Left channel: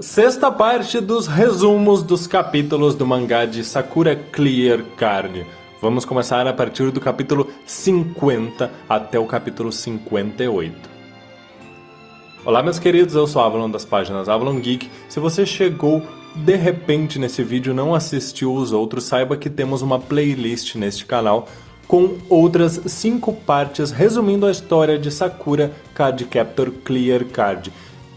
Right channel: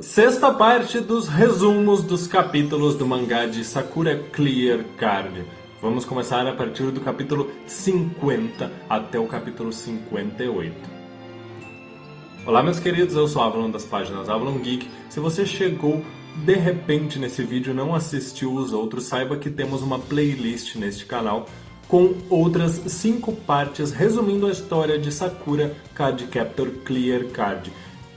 Sexta parte dos resumos dos capítulos do mangá de Sakura Clear Card. Vamos começar a partir do capítulo 50 até o capítulo 58. Olá meus queridos, eu sou o Avalon das páginas Avalon Geek. Se você chegou de repente nesse vídeo e não assistiu os outros, saiba que temos uma playlist neste canal com outras 5 partes resumindo a história de Sakura Cardcaptor Clear Card.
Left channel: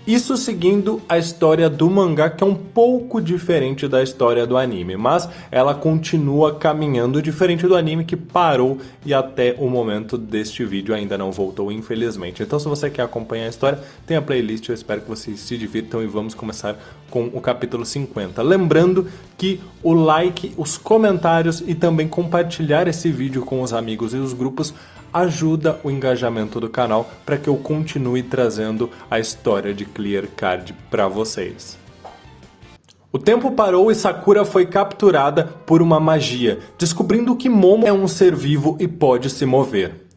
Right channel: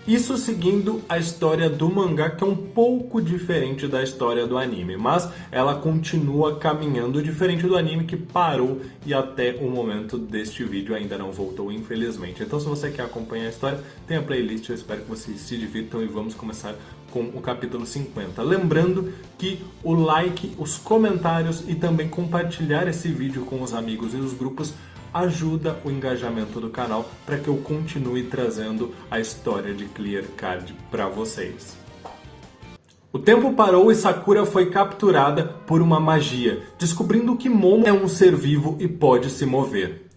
Isso seguindo a história do mangá, que é um pouco diferente da história do anime, mas ela continua caminhando, diferente do anime que parou e até o momento deste vídeo ainda não voltou, infelizmente. Então se você quer acompanhar a história, tem a playlist, eu espero que vocês se divirtam e vamos começar com o capítulo 50. Lembrando que o like, os comentários e também compartilhar esse vídeo com os amigos e os grupos ajuda o engajamento do canal para que eu continue trazendo a história de Clear Card para vocês. O tempo parou e Sakura foi capturada por uma magia, descobrindo que Momo é um ser vivo e pode se mover.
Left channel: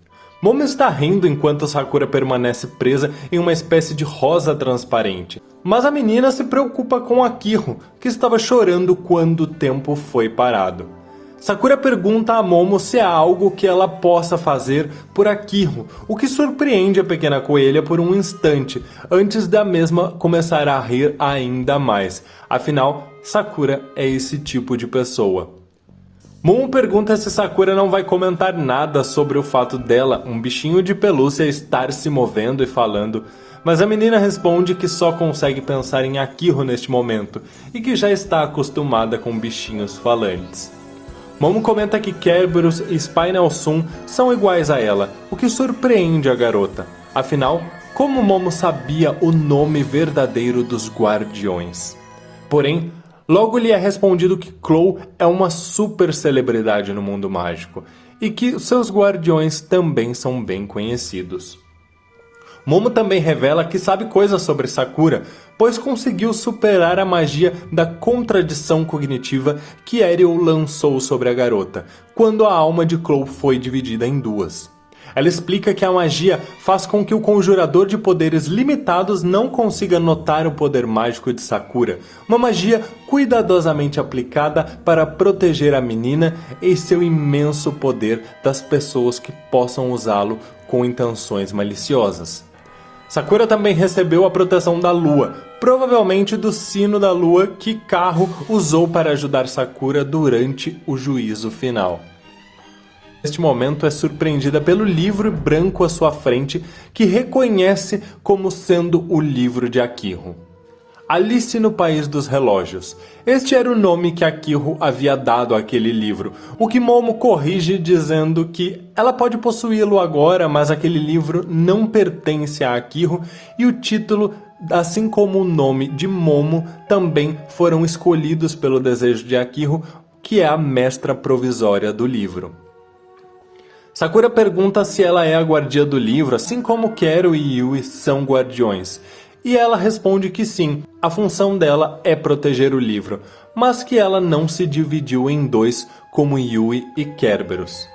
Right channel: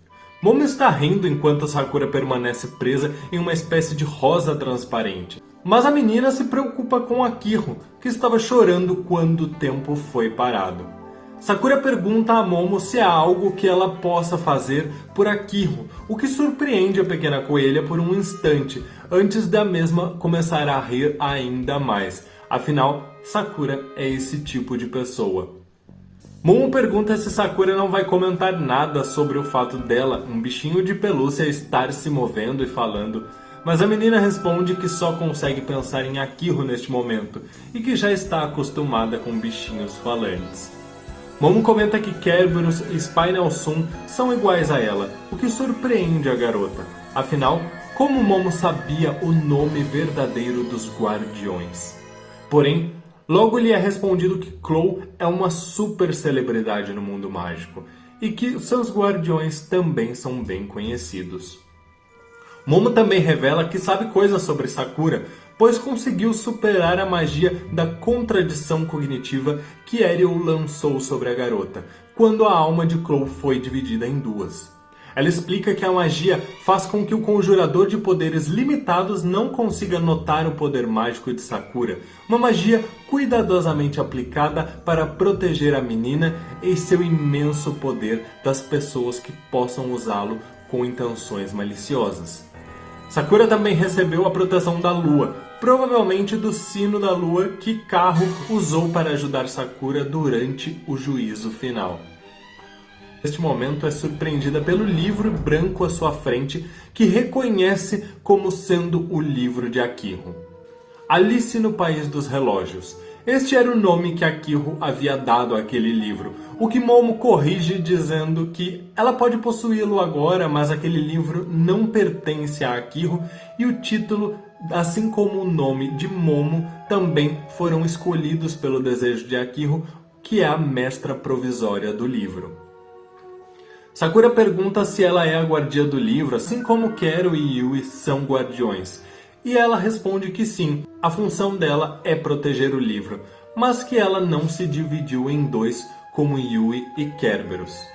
Momo está rindo enquanto Sakura permanece presa em uma espécie de rosa transparente. Mas a menina se preocupa com Akihiro, que estava chorando quando o tempo foi parado. Sakura pergunta a Momo se há algo que ela possa fazer por Akihiro, o que surpreende a pequena coelha por um instante, antes da mesma começar a rir ainda mais. Afinal, Sakura é esse tipo de pessoa. Momo pergunta se Sakura não vai comentar nada sobre o fato dela, um bichinho de pelúcia, estar se movendo e falando, mas a menina responde que só consegue pensar em Akihiro neste momento e que já está acostumada com bichinhos falantes. Momo comenta que Kerberos e Spinal Sun são iguais a ela, o que surpreende a garota. Afinal, como Momo sabia o nome verdadeiro dos guardiões? Porém, logo lhe é respondido que Clow é uma super celebridade no mundo mágico e que seus guardiões também são bem conhecidos. Momo também revela que sabe coisas sobre Sakura, pois conseguiu superar a magia da contradição cognitiva que Ariel lançou sobre a garota, quando a alma de Clow foi dividida em duas. Ela explica que a magia faz com que o conjurador de poderes limitados não consiga notar o poder mágico de Sakura, uma magia cuidadosamente aplicada para proteger a menina e seu imenso poder das pessoas que possam usá-lo com intenções maliciosas. Sakura também recebeu a proteção da lua, provavelmente do sino da lua que Kaho usou para ajudar Sakura durante o juízo final. Neste momento é surpreendida pelo livro branco à sua frente, que reconhece como sendo o livro de Akihiro. Alice no País dos Relógios. Este era o nome que Akihiro havia dado àquele livro, o que Momo corrige dizendo que ela pode possuí-lo agora, mas aquele livro não pertence a Akihiro e o título, assim como o nome de Momo, também foram escolhidos pelo desejo de Akihiro, que é a mestra provisória do livro. Sakura pergunta se ela é a guardiã do livro, assim como Kero e Yui são guardiões. E ela responde que sim, a função dela é proteger o livro, mas que ela não se dividiu em dois como Yui e Kerberos.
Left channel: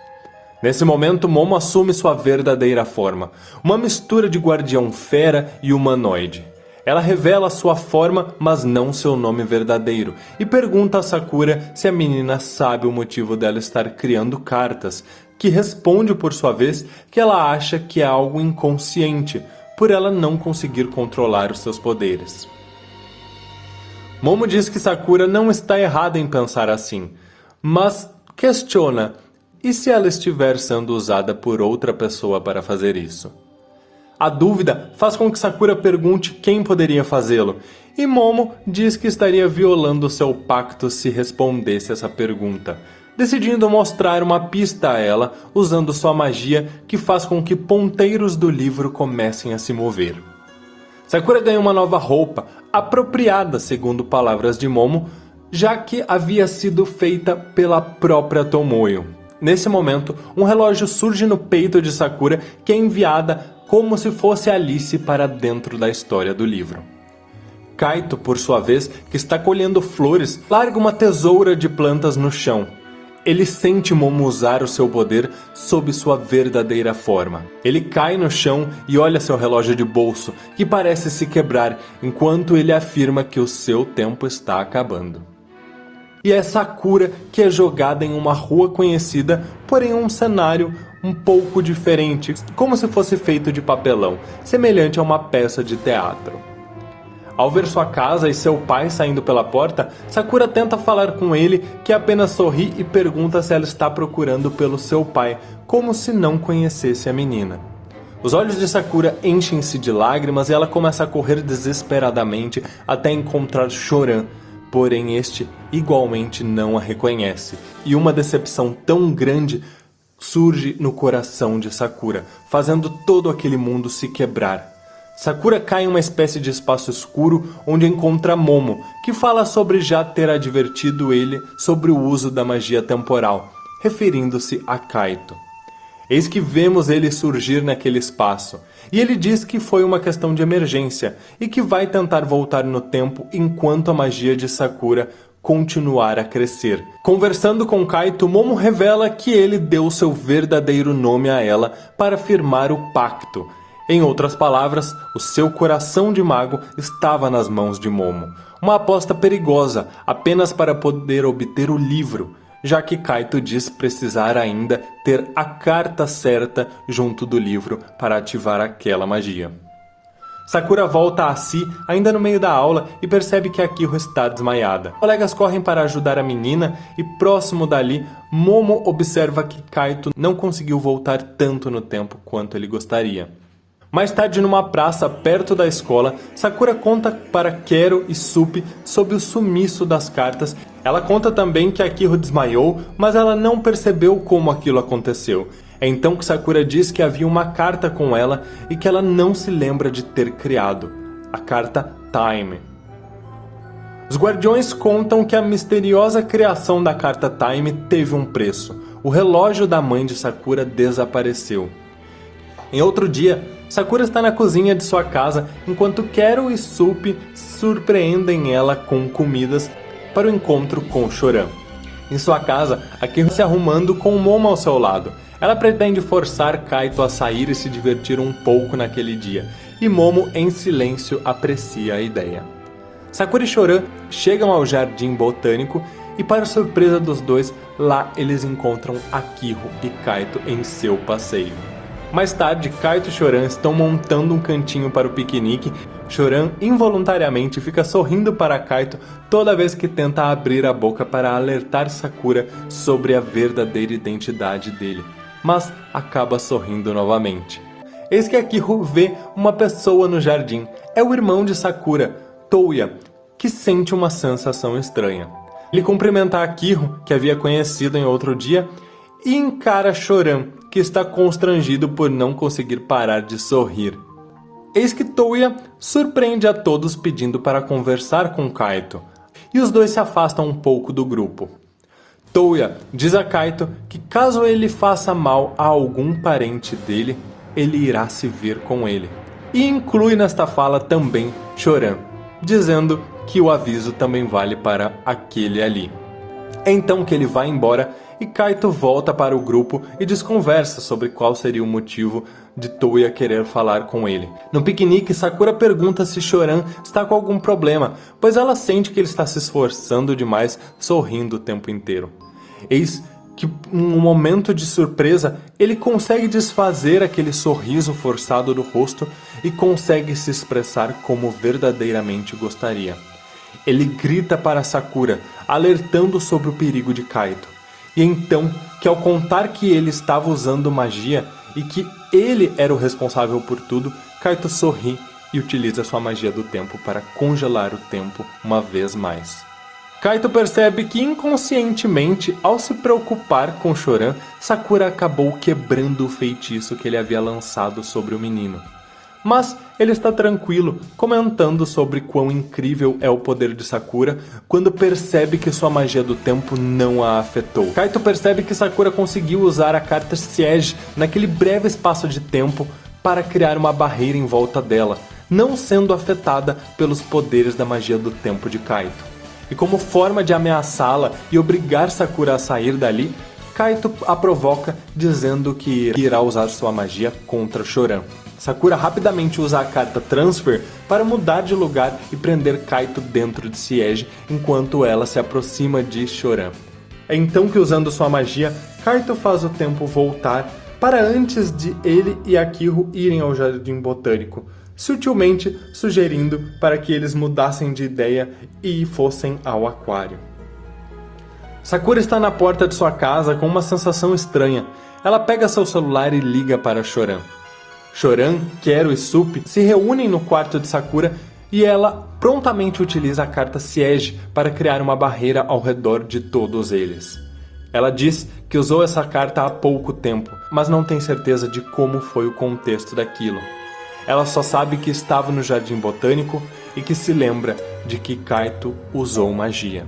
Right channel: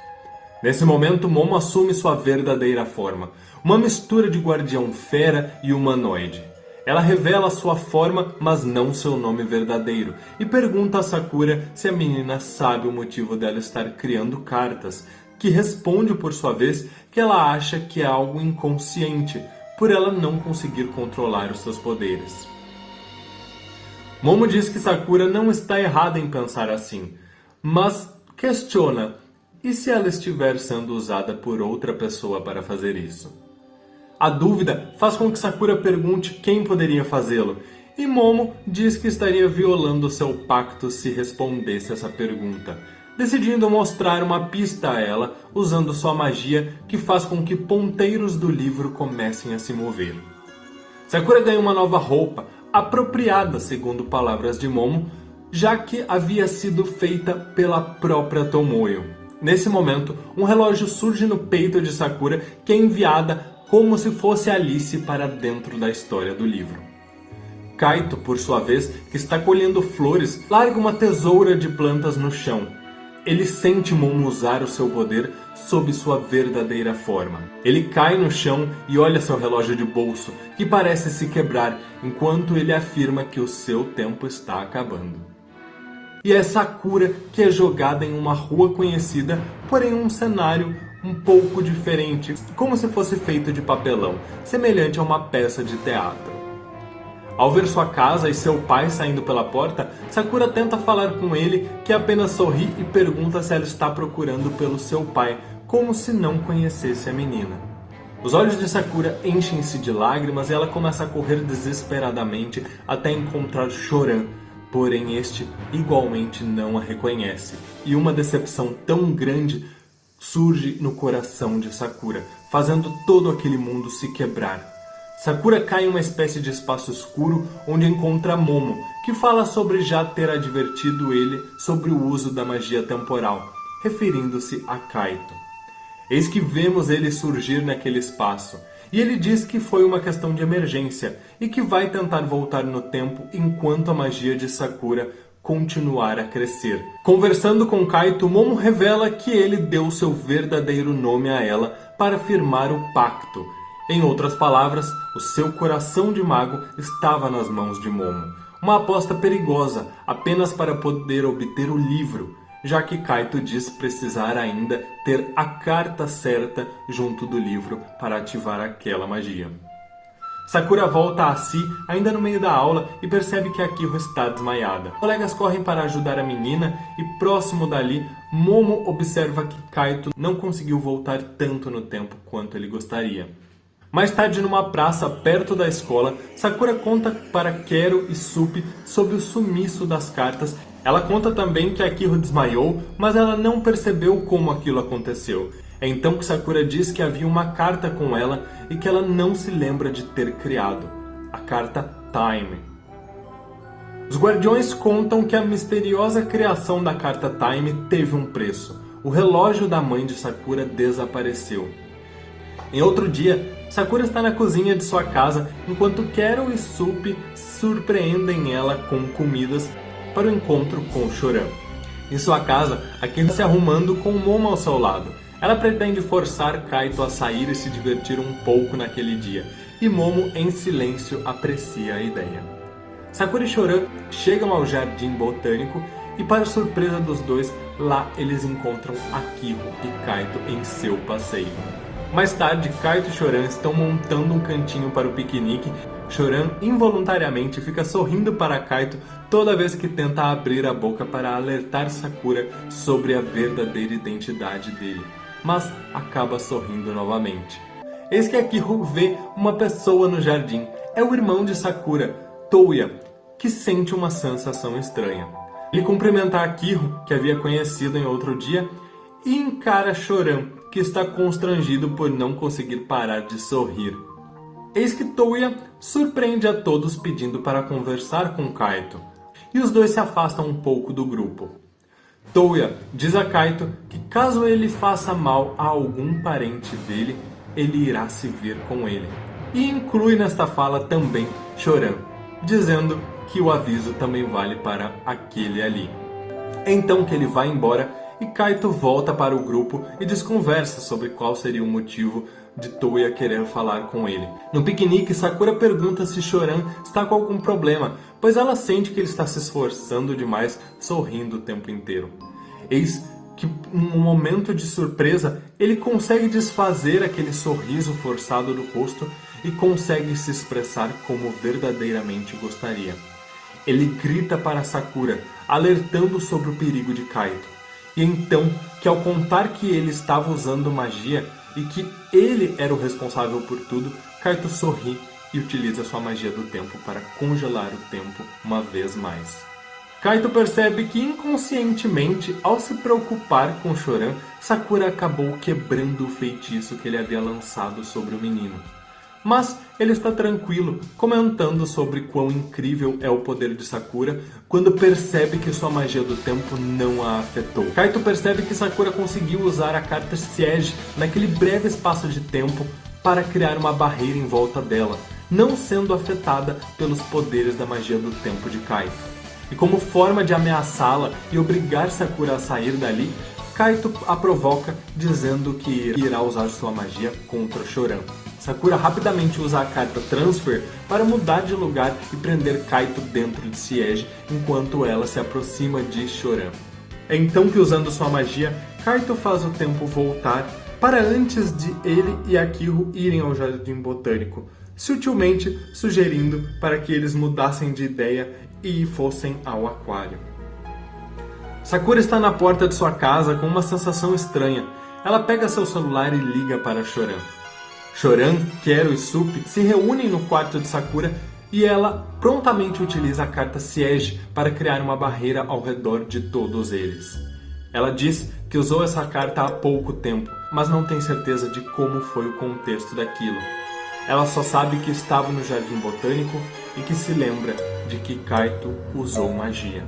Nesse momento, Momo assume sua verdadeira forma, uma mistura de guardião fera e humanoide. Ela revela sua forma, mas não seu nome verdadeiro, e pergunta a Sakura se a menina sabe o motivo dela estar criando cartas, que responde por sua vez que ela acha que é algo inconsciente, por ela não conseguir controlar os seus poderes. Momo diz que Sakura não está errada em pensar assim, mas questiona, e se ela estiver sendo usada por outra pessoa para fazer isso? A dúvida faz com que Sakura pergunte quem poderia fazê-lo, e Momo diz que estaria violando seu pacto se respondesse essa pergunta, decidindo mostrar uma pista a ela, usando sua magia que faz com que ponteiros do livro comecem a se mover. Sakura ganha uma nova roupa, apropriada segundo palavras de Momo, já que havia sido feita pela própria Tomoyo. Nesse momento, um relógio surge no peito de Sakura, que é enviada como se fosse Alice para dentro da história do livro. Kaito, por sua vez, que está colhendo flores, larga uma tesoura de plantas no chão. Ele sente Momo usar o seu poder sob sua verdadeira forma. Ele cai no chão e olha seu relógio de bolso, que parece se quebrar, enquanto ele afirma que o seu tempo está acabando. E é Sakura que é jogada em uma rua conhecida, porém um cenário um pouco diferente, como se fosse feito de papelão, semelhante a uma peça de teatro. Ao ver sua casa e seu pai saindo pela porta, Sakura tenta falar com ele, que apenas sorri e pergunta se ela está procurando pelo seu pai, como se não conhecesse a menina. Os olhos de Sakura enchem-se de lágrimas e ela começa a correr desesperadamente até encontrar Choran, porém este igualmente não a reconhece, e uma decepção tão grande surge no coração de Sakura, fazendo todo aquele mundo se quebrar. Sakura cai em uma espécie de espaço escuro onde encontra Momo, que fala sobre já ter advertido ele sobre o uso da magia temporal, referindo-se a Kaito. Eis que vemos ele surgir naquele espaço, e ele diz que foi uma questão de emergência e que vai tentar voltar no tempo enquanto a magia de Sakura continuar a crescer. Conversando com Kaito, Momo revela que ele deu seu verdadeiro nome a ela para firmar o pacto. Em outras palavras, o seu coração de mago estava nas mãos de Momo. Uma aposta perigosa, apenas para poder obter o livro, já que Kaito diz precisar ainda ter a carta certa junto do livro para ativar aquela magia. Sakura volta a si ainda no meio da aula e percebe que Akihiro está desmaiada. Os colegas correm para ajudar a menina e próximo dali, Momo observa que Kaito não conseguiu voltar tanto no tempo quanto ele gostaria. Mais tarde, numa praça perto da escola, Sakura conta para Kero e Sup sobre o sumiço das cartas. Ela conta também que Akihiro desmaiou, mas ela não percebeu como aquilo aconteceu. É então que Sakura diz que havia uma carta com ela e que ela não se lembra de ter criado. A carta Time. Os guardiões contam que a misteriosa criação da carta Time teve um preço. O relógio da mãe de Sakura desapareceu. Em outro dia, Sakura está na cozinha de sua casa enquanto Kero e Sup surpreendem ela com comidas para o encontro com Choran. Em sua casa, Akihiro se arrumando com Momo ao seu lado. Ela pretende forçar Kaito a sair e se divertir um pouco naquele dia, e Momo em silêncio aprecia a ideia. Sakura e Choran chegam ao jardim botânico e, para surpresa dos dois, lá eles encontram Akihiro e Kaito em seu passeio. Mais tarde, Kaito e Choran estão montando um cantinho para o piquenique. Choran involuntariamente fica sorrindo para Kaito toda vez que tenta abrir a boca para alertar Sakura sobre a verdadeira identidade dele, mas acaba sorrindo novamente. Eis que Akihiro vê uma pessoa no jardim. É o irmão de Sakura, Touya, que sente uma sensação estranha. Ele cumprimenta Akihiro, que havia conhecido em outro dia, e encara Choran, que está constrangido por não conseguir parar de sorrir. Eis que Touya surpreende a todos pedindo para conversar com Kaito, e os dois se afastam um pouco do grupo. Touya diz a Kaito que caso ele faça mal a algum parente dele, ele irá se ver com ele. E inclui nesta fala também Choran, dizendo que o aviso também vale para aquele ali. É então que ele vai embora e Kaito volta para o grupo e desconversa sobre qual seria o motivo de Touya querer falar com ele. No piquenique, Sakura pergunta se Choran está com algum problema, pois ela sente que ele está se esforçando demais, sorrindo o tempo inteiro. Eis que, num momento de surpresa, ele consegue desfazer aquele sorriso forçado do rosto e consegue se expressar como verdadeiramente gostaria. Ele grita para Sakura, alertando sobre o perigo de Kaito. E então, que ao contar que ele estava usando magia e que ele era o responsável por tudo, Kaito sorri e utiliza sua magia do tempo para congelar o tempo uma vez mais. Kaito percebe que inconscientemente, ao se preocupar com Choran, Sakura acabou quebrando o feitiço que ele havia lançado sobre o menino. Mas ele está tranquilo, comentando sobre quão incrível é o poder de Sakura quando percebe que sua magia do tempo não a afetou. Kaito percebe que Sakura conseguiu usar a carta Siege naquele breve espaço de tempo para criar uma barreira em volta dela, não sendo afetada pelos poderes da magia do tempo de Kaito. E como forma de ameaçá-la e obrigar Sakura a sair dali, Kaito a provoca dizendo que irá usar sua magia contra Choran. Sakura rapidamente usa a carta Transfer para mudar de lugar e prender Kaito dentro de Siege enquanto ela se aproxima de Choran. É então que, usando sua magia, Kaito faz o tempo voltar para antes de ele e Akihiro irem ao Jardim Botânico, sutilmente sugerindo para que eles mudassem de ideia e fossem ao aquário. Sakura está na porta de sua casa com uma sensação estranha. Ela pega seu celular e liga para Choran. Choran, Quero e Sup se reúnem no quarto de Sakura e ela prontamente utiliza a carta Siege para criar uma barreira ao redor de todos eles. Ela diz que usou essa carta há pouco tempo, mas não tem certeza de como foi o contexto daquilo. Ela só sabe que estava no Jardim Botânico e que se lembra de que Kaito usou magia.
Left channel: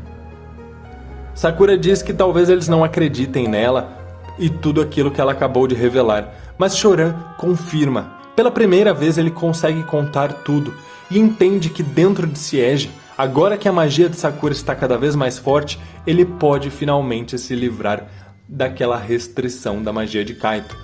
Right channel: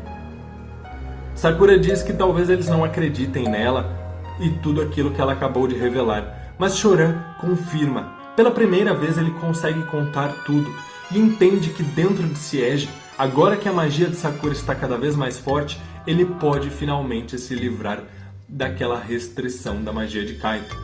Sakura diz que talvez eles não acreditem nela e tudo aquilo que ela acabou de revelar, mas Choran confirma. Pela primeira vez ele consegue contar tudo e entende que dentro de Siege, agora que a magia de Sakura está cada vez mais forte, ele pode finalmente se livrar daquela restrição da magia de Kaito.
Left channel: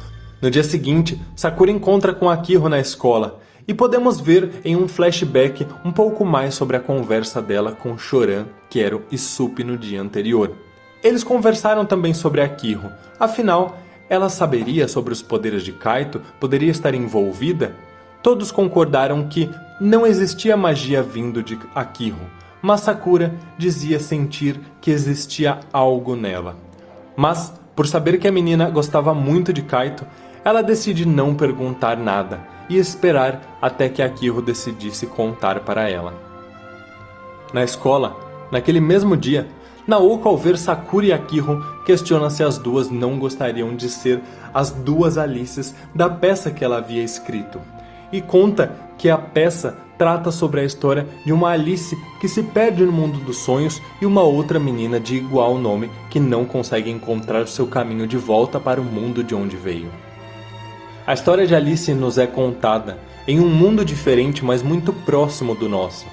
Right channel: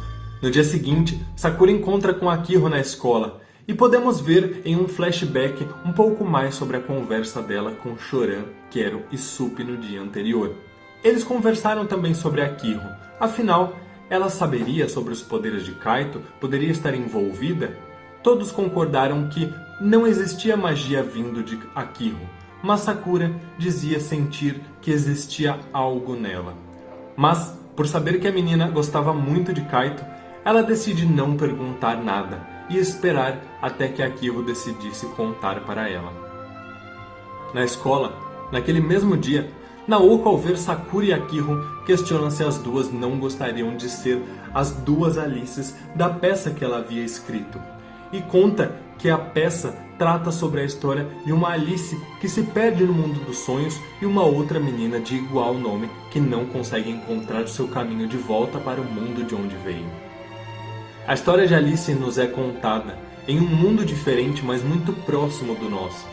No dia seguinte, Sakura encontra com Akihiro na escola e podemos ver em um flashback um pouco mais sobre a conversa dela com Choran, Quero e Sup no dia anterior. Eles conversaram também sobre Akihiro, afinal, ela saberia sobre os poderes de Kaito, poderia estar envolvida? Todos concordaram que não existia magia vindo de Akihiro, mas Sakura dizia sentir que existia algo nela. Mas, por saber que a menina gostava muito de Kaito, ela decide não perguntar nada e esperar até que Akihiro decidisse contar para ela. Na escola, naquele mesmo dia, Naoko, ao ver Sakura e Akihiro, questiona se as duas não gostariam de ser as duas Alices da peça que ela havia escrito. E conta que a peça trata sobre a história de uma Alice que se perde no mundo dos sonhos e uma outra menina de igual nome que não consegue encontrar seu caminho de volta para o mundo de onde veio. A história de Alice nos é contada em um mundo diferente, mas muito próximo do nosso.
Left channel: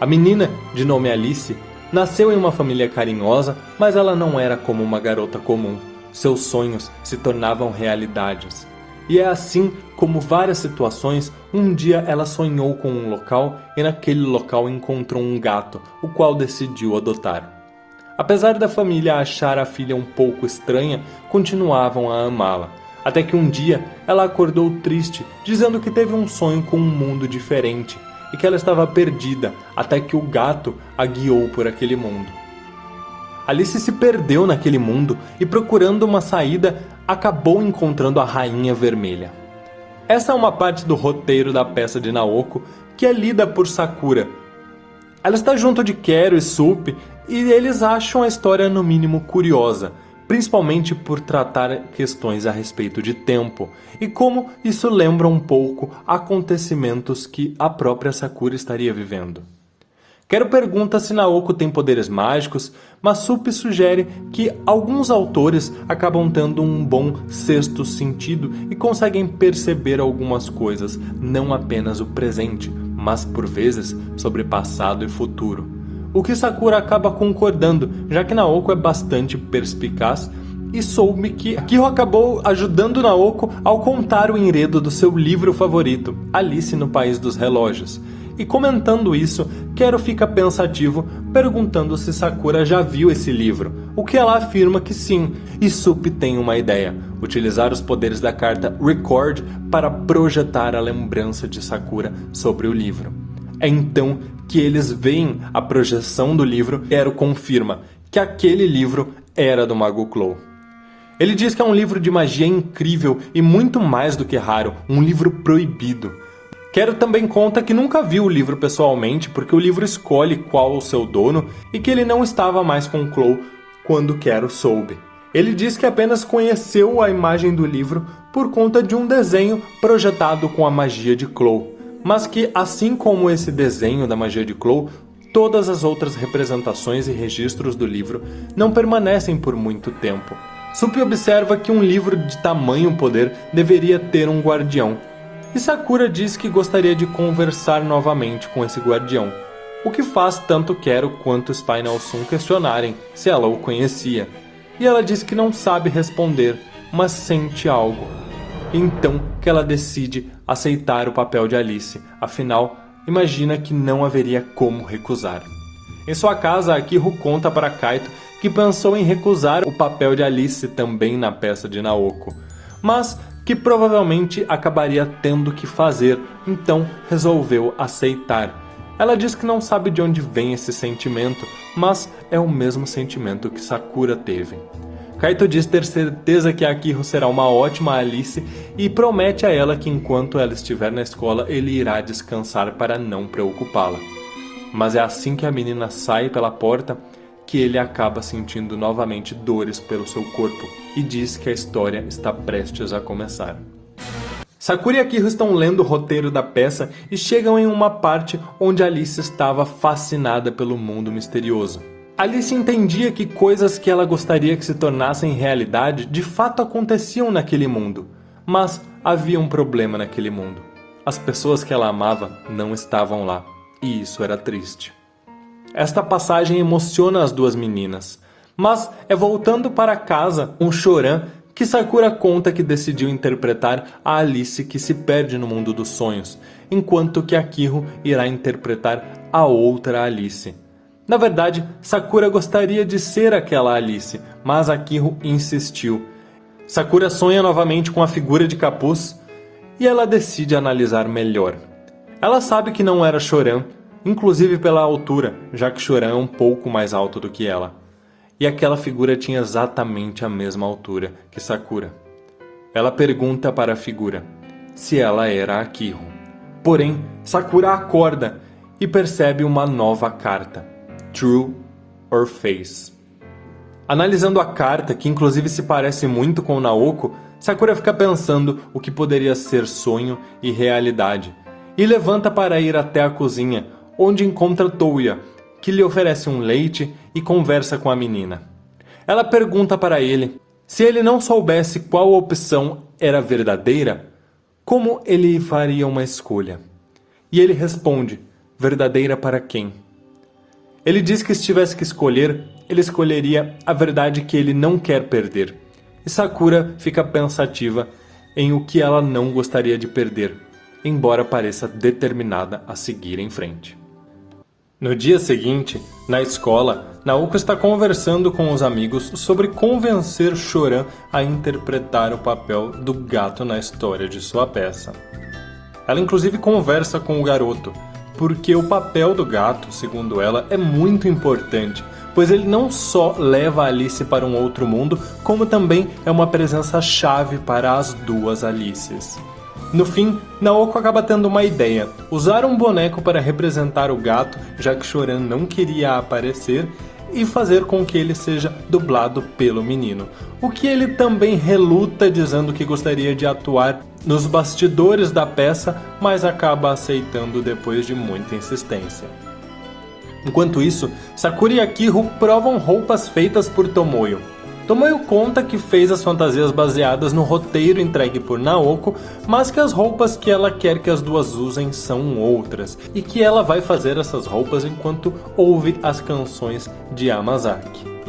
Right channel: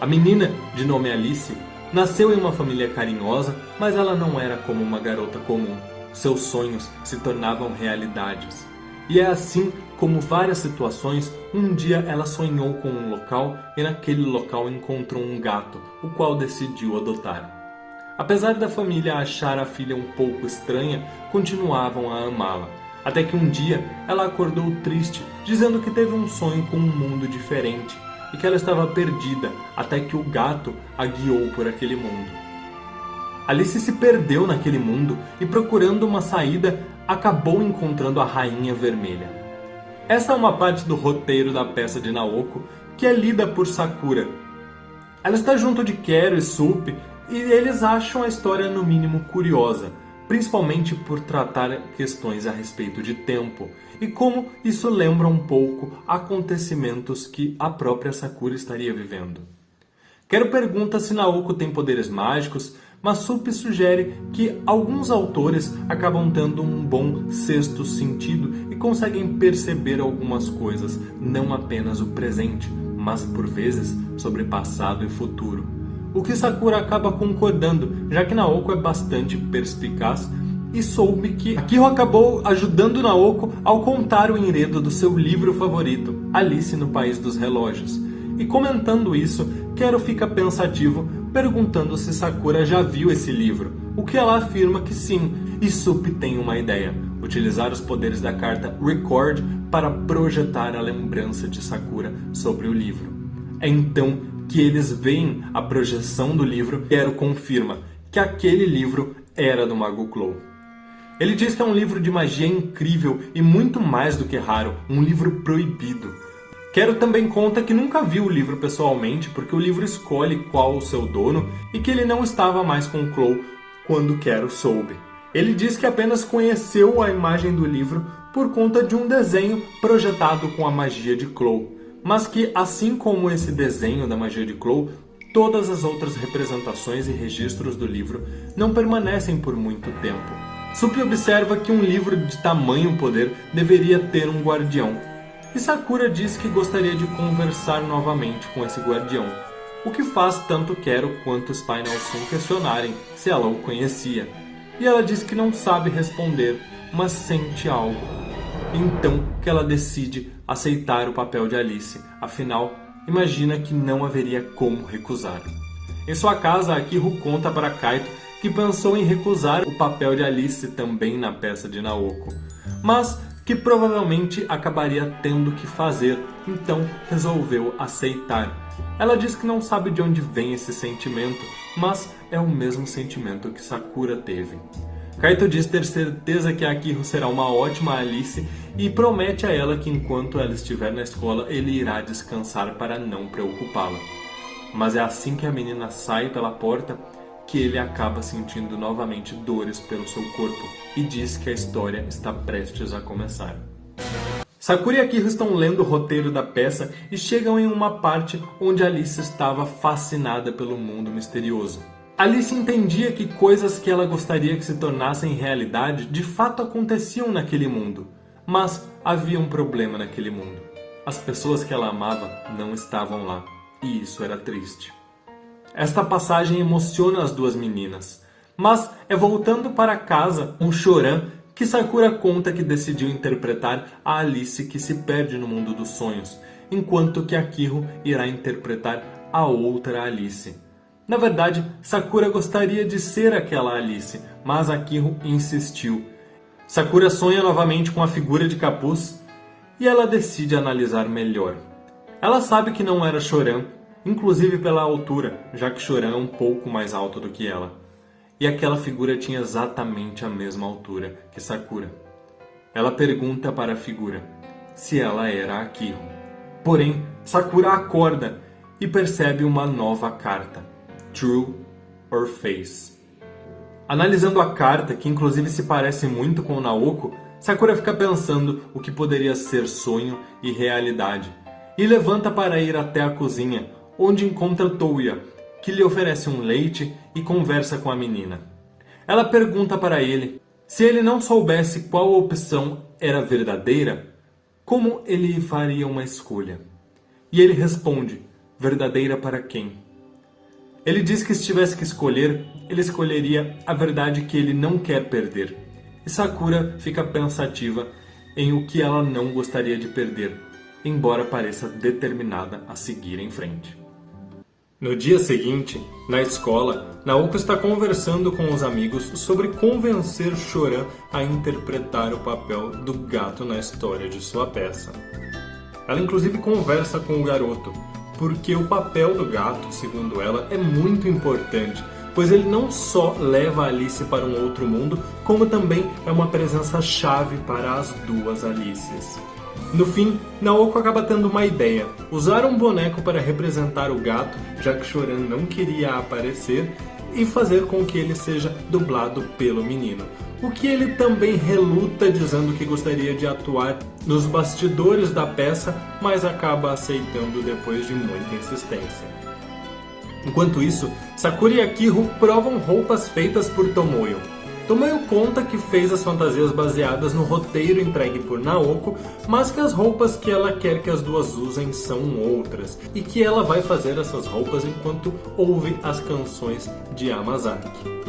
A menina, de nome Alice, nasceu em uma família carinhosa, mas ela não era como uma garota comum. Seus sonhos se tornavam realidades. E é assim como várias situações, um dia ela sonhou com um local e naquele local encontrou um gato, o qual decidiu adotar. Apesar da família achar a filha um pouco estranha, continuavam a amá-la. Até que um dia ela acordou triste, dizendo que teve um sonho com um mundo diferente e que ela estava perdida, até que o gato a guiou por aquele mundo. Alice se perdeu naquele mundo e, procurando uma saída, acabou encontrando a Rainha Vermelha. Essa é uma parte do roteiro da peça de Naoko que é lida por Sakura. Ela está junto de Quero e Sup e eles acham a história no mínimo curiosa, principalmente por tratar questões a respeito de tempo e como isso lembra um pouco acontecimentos que a própria Sakura estaria vivendo. Quero pergunta se Naoko tem poderes mágicos, mas Sup sugere que alguns autores acabam tendo um bom sexto sentido e conseguem perceber algumas coisas, não apenas o presente, mas por vezes sobre passado e futuro. O que Sakura acaba concordando, já que Naoko é bastante perspicaz e soube que Akihiro acabou ajudando Naoko ao contar o enredo do seu livro favorito, Alice no País dos Relógios. E comentando isso, Quero fica pensativo, perguntando se Sakura já viu esse livro, o que ela afirma que sim, e Sup tem uma ideia, utilizar os poderes da carta Record para projetar a lembrança de Sakura sobre o livro. É então que eles veem a projeção do livro, Quero confirma que aquele livro era do Mago Clow. Ele diz que é um livro de magia incrível e muito mais do que raro, um livro proibido. Quero também conta que nunca viu o livro pessoalmente, porque o livro escolhe qual o seu dono e que ele não estava mais com Clow quando Quero soube. Ele diz que apenas conheceu a imagem do livro por conta de um desenho projetado com a magia de Clow, mas que, assim como esse desenho da magia de Clow, todas as outras representações e registros do livro não permanecem por muito tempo. Sup observa que um livro de tamanho poder deveria ter um guardião, e Sakura diz que gostaria de conversar novamente com esse guardião. o que faz tanto Quero quanto Spinal Sun questionarem se ela o conhecia. E ela diz que não sabe responder, mas sente algo. Então que ela decide aceitar o papel de Alice, afinal, imagina que não haveria como recusar. Em sua casa, Akihiro conta para Kaito que pensou em recusar o papel de Alice também na peça de Naoko, mas que provavelmente acabaria tendo que fazer, então resolveu aceitar. Ela diz que não sabe de onde vem esse sentimento, mas é o mesmo sentimento que Sakura teve. Kaito diz ter certeza que Akihiro será uma ótima Alice e promete a ela que enquanto ela estiver na escola ele irá descansar para não preocupá-la. Mas é assim que a menina sai pela porta que ele acaba sentindo novamente dores pelo seu corpo e diz que a história está prestes a começar. Sakura e Akihiro estão lendo o roteiro da peça e chegam em uma parte onde Alice estava fascinada pelo mundo misterioso. Alice entendia que coisas que ela gostaria que se tornassem realidade de fato aconteciam naquele mundo. Mas havia um problema naquele mundo. As pessoas que ela amava não estavam lá. E isso era triste. Esta passagem emociona as duas meninas. Mas é voltando para casa, um Choran, que Sakura conta que decidiu interpretar a Alice que se perde no mundo dos sonhos, enquanto que Akihiro irá interpretar a outra Alice. Na verdade, Sakura gostaria de ser aquela Alice, mas Akihiro insistiu. Sakura sonha novamente com a figura de capuz e ela decide analisar melhor. Ela sabe que não era Choran, inclusive pela altura, já que Choran é um pouco mais alto do que ela. E aquela figura tinha exatamente a mesma altura que Sakura. Ela pergunta para a figura se ela era Akihiro. Porém, Sakura acorda e percebe uma nova carta. True or Face. Analisando a carta, que inclusive se parece muito com Naoko, Sakura fica pensando o que poderia ser sonho e realidade, e levanta para ir até a cozinha, onde encontra Touya, que lhe oferece um leite e conversa com a menina. Ela pergunta para ele se ele não soubesse qual opção era verdadeira, como ele faria uma escolha. E ele responde, verdadeira para quem? Ele diz que se tivesse que escolher, ele escolheria a verdade que ele não quer perder. E Sakura fica pensativa em o que ela não gostaria de perder, embora pareça determinada a seguir em frente. No dia seguinte, na escola, Naoko está conversando com os amigos sobre convencer Choran a interpretar o papel do gato na história de sua peça. Ela inclusive conversa com o garoto, porque o papel do gato, segundo ela, é muito importante, pois ele não só leva Alice para um outro mundo, como também é uma presença-chave para as duas Alices. No fim, Naoko acaba tendo uma ideia, usar um boneco para representar o gato, já que Choran não queria aparecer, e fazer com que ele seja dublado pelo menino. O que ele também reluta dizendo que gostaria de atuar nos bastidores da peça, mas acaba aceitando depois de muita insistência. Enquanto isso, Sakura e Akihiro provam roupas feitas por Tomoyo. Tomoyo conta que fez as fantasias baseadas no roteiro entregue por Naoko, mas que as roupas que ela quer que as duas usem são outras, e que ela vai fazer essas roupas enquanto ouve as canções de Yamazaki.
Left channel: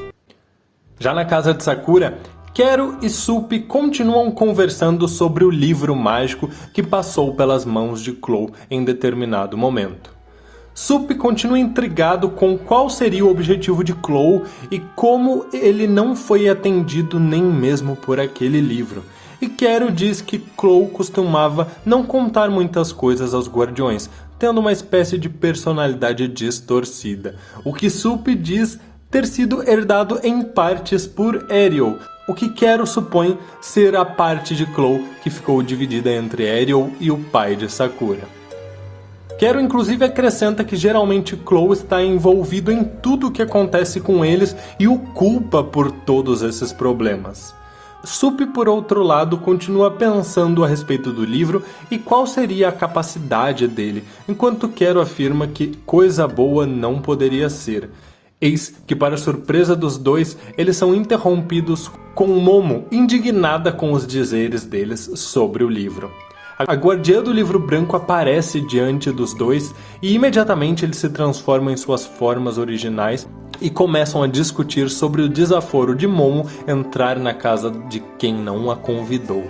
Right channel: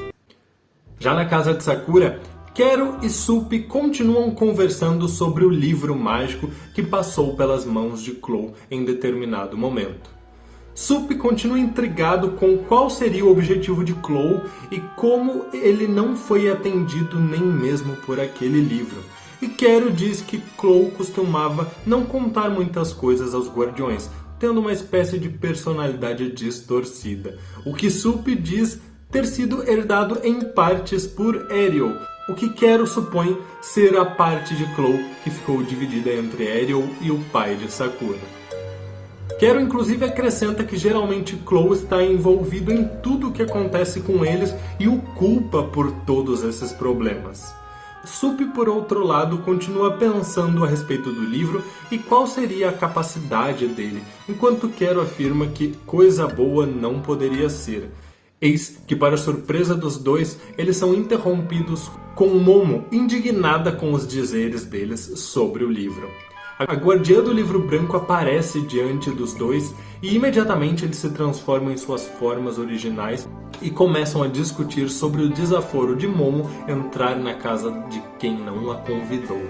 Já na casa de Sakura, Quero e Supi continuam conversando sobre o livro mágico que passou pelas mãos de Clow em determinado momento. Supi continua intrigado com qual seria o objetivo de Clow e como ele não foi atendido nem mesmo por aquele livro. E Quero diz que Clow costumava não contar muitas coisas aos guardiões, tendo uma espécie de personalidade distorcida. O que Supi diz ter sido herdado em partes por Ariel, o que Quero supõe ser a parte de Clow que ficou dividida entre Ariel e o pai de Sakura. Quero inclusive acrescenta que geralmente Clow está envolvido em tudo o que acontece com eles e o culpa por todos esses problemas. Supi, por outro lado, continua pensando a respeito do livro e qual seria a capacidade dele, enquanto Quero afirma que coisa boa não poderia ser. Eis que, para surpresa dos dois, eles são interrompidos com Momo indignada com os dizeres deles sobre o livro. A guardiã do livro branco aparece diante dos dois e imediatamente eles se transformam em suas formas originais e começam a discutir sobre o desaforo de Momo entrar na casa de quem não a convidou.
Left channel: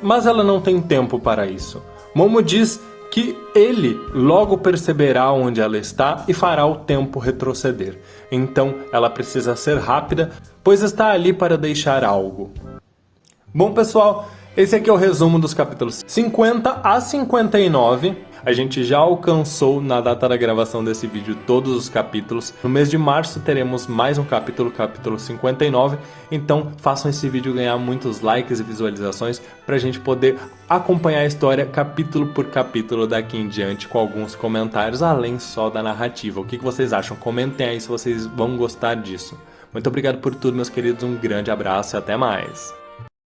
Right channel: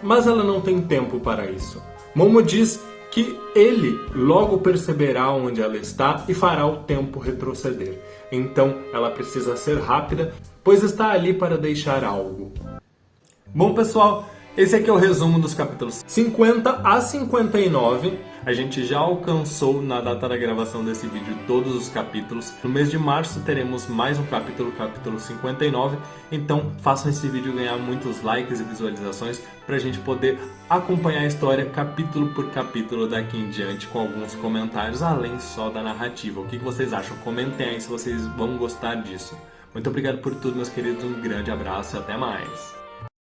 Mas ela não tem tempo para isso. Momo diz que ele logo perceberá onde ela está e fará o tempo retroceder. Então ela precisa ser rápida, pois está ali para deixar algo. Bom, pessoal, esse aqui é o resumo dos capítulos 50 a 59. A gente já alcançou, na data da gravação desse vídeo, todos os capítulos. No mês de março teremos mais um capítulo, capítulo 59. Então façam esse vídeo ganhar muitos likes e visualizações para a gente poder acompanhar a história capítulo por capítulo daqui em diante, com alguns comentários, além só da narrativa. O que vocês acham? Comentem aí se vocês vão gostar disso. Muito obrigado por tudo, meus queridos. Um grande abraço e até mais.